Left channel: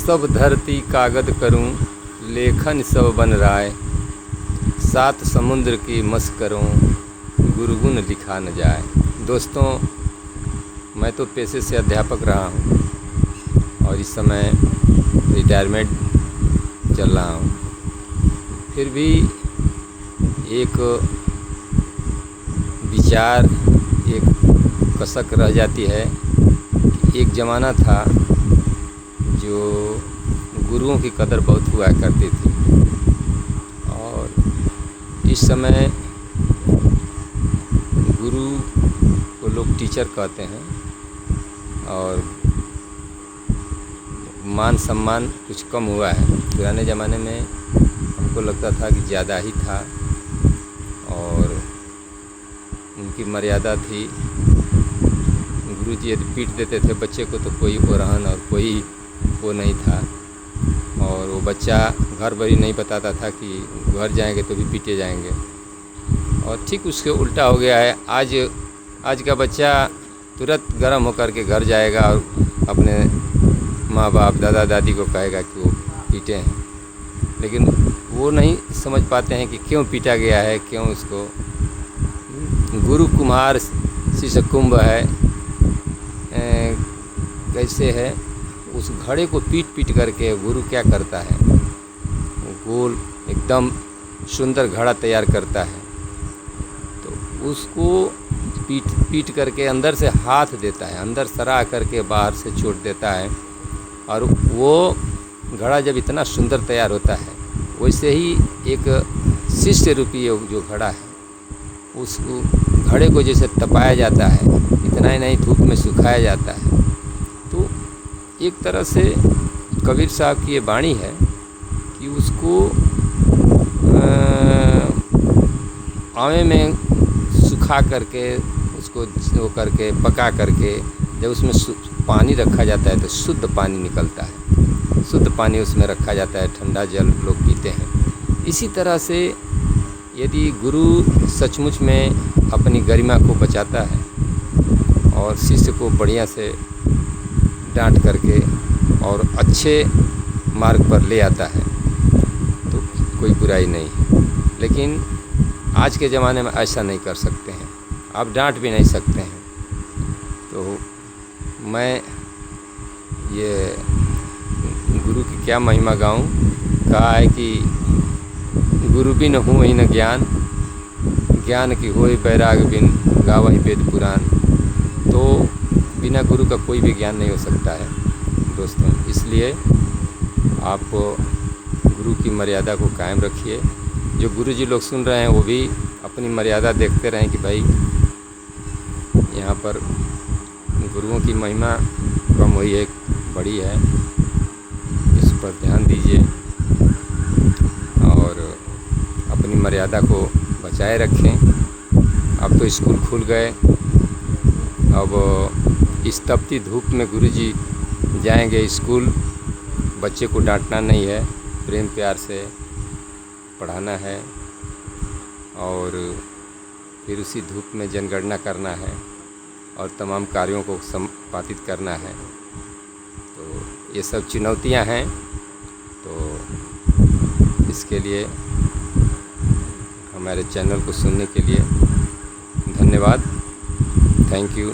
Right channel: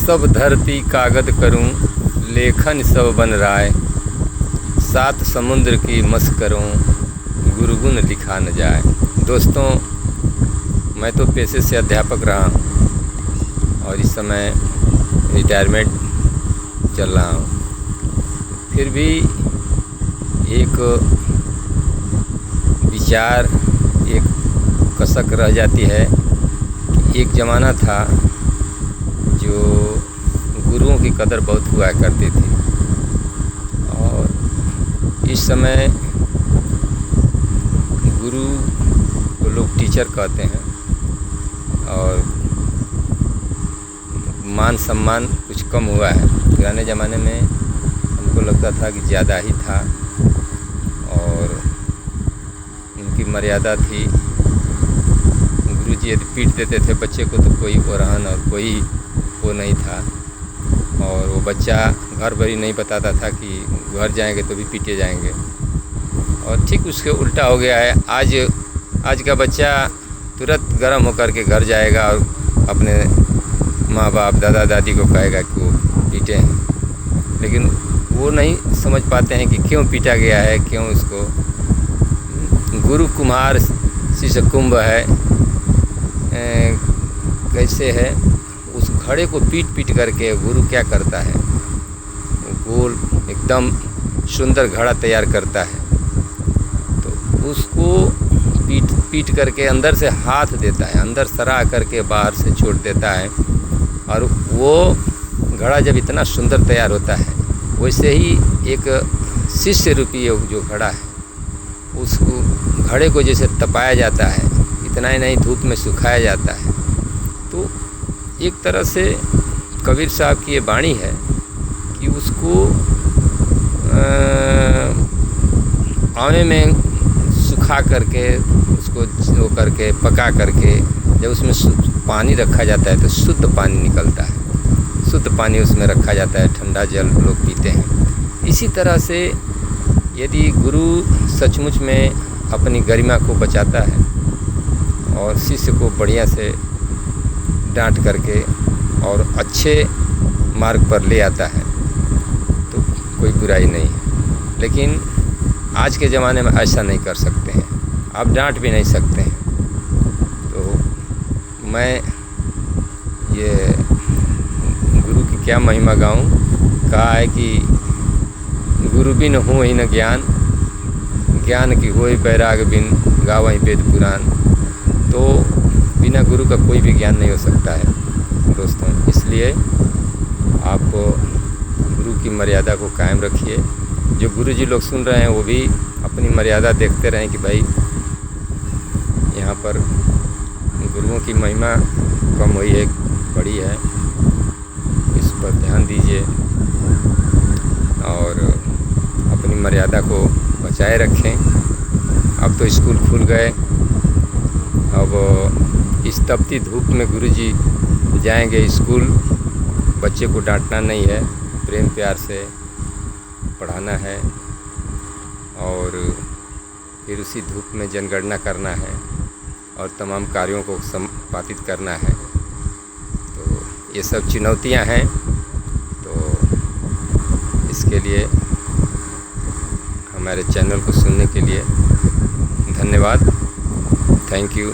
सब धरती कागज करूं, लेखन सब बन राय। सात समुद्र की मस करूं, गुरुगुण लिखा न जाए। दोस्तों, मैं तो पेशे से अध्यापक रहा हूं और इस समय रिटायरमेंट चल रहा हूं। फिर भी एक विचार, एक कसक रह जाती है कि एक ज़माना था जो गुरुओं की कदर बहुत हुआ करती थी और इस समय गुरु को लोग टीचर कहते हैं और मान सम्मान कुछ कम हुआ है। पुराने ज़माने में हमको लगता था कि ज़्यादा ही था और उनकी मर्यादा थी। गुरुजी यदि पीट देते थे बच्चे को तो कोई ओरहन और कोई वो नहीं था और वो बच्चा घर भरी नहीं बताता था कि घर जाएंगे तो भी पीटे जाएंगे। और ठीक उसके उल्टा हो गया है। आज का बच्चा तुरंत गर्म होकर के घर जाएगा और अपने माँ बाप दादा दादी को कहेगा कि वो पीटे हैं, लेकिन वो नहीं समझ पाते हैं कि क्यों पीटा गया है, क्यों उसको। गुरु कुम्हार शिष्य कुंभ है, कैसे है उस घड़े को पीट पीट करके गुरु क्या करता है, गोल एकदम सुंदर घड़ा तैयार करता है। तो उसको पीट पीट करके अंदर से हाथ देता है, अंदर सरा करके बाहर से छोड़ देता है और वो घड़ा जब इतना सुंदर तैयार होता है वैसे ही एक शिष्य रूपी जो घड़ा है उस घड़े को जैसे तपाया जाता है, इतना ही नहीं धूप में सुखाया जाता है। तो एक तरह से कबीर साहब की ये वाणी है कि उसको आवे में सुखा करके उसको वो करके पका करके जब उसमें पानी रखा जाता है तो शुद्ध पानी निकलता है, शुद्ध पानी उसमें रखा जाता है, ठंडा जल लोग पीते हैं। इसी तरह से यदि गुरु सचमुच में अपनी गरिमा को बचाता है और शिष्य को बढ़िया से डांट करके और अच्छे मार्ग पर ले आता है तो कोई बुराई नहीं। लेकिन आज के ज़माने में ऐसा नहीं कर सकते हैं, आप डांट भी नहीं सकते हैं। तो मैं ये गुरु की क्या महिमा गाऊं। कहा है कि गुरु बिन हो ही न ज्ञान, ज्ञान की होय बैराग बिन गावहि वेद पुराण। तो बिना गुरु का कोई भी ज्ञान नहीं हो सकता है दोस्तों। इसलिए आप गुरु की मर्यादा को कायम रखिए। जो गुरु जी लोग सुन रहे हैं वो भी अपनी मर्यादा देखते रहें कि भाई यहाँ पर गुरुओं की महिमा कम हुई है, बड़ी है, इस पर ध्यान दीजिए और अपनी मर्यादा को बचाए रखें। अब तो स्कूल खुल गए, अब इस तपती धूप में गुरुजी जाएंगे स्कूल। बच्चे को डांटना नहीं है, प्रेम प्यार से पढ़ाना है और फिर उसी धूप में जनगणना करना है और तमाम कार्यों को संपादित करना है। तो ये सब चुनौतियां हैं। तो इसके लिए हमारे चैनल को सुनने के लिए धन्यवाद। Thank you.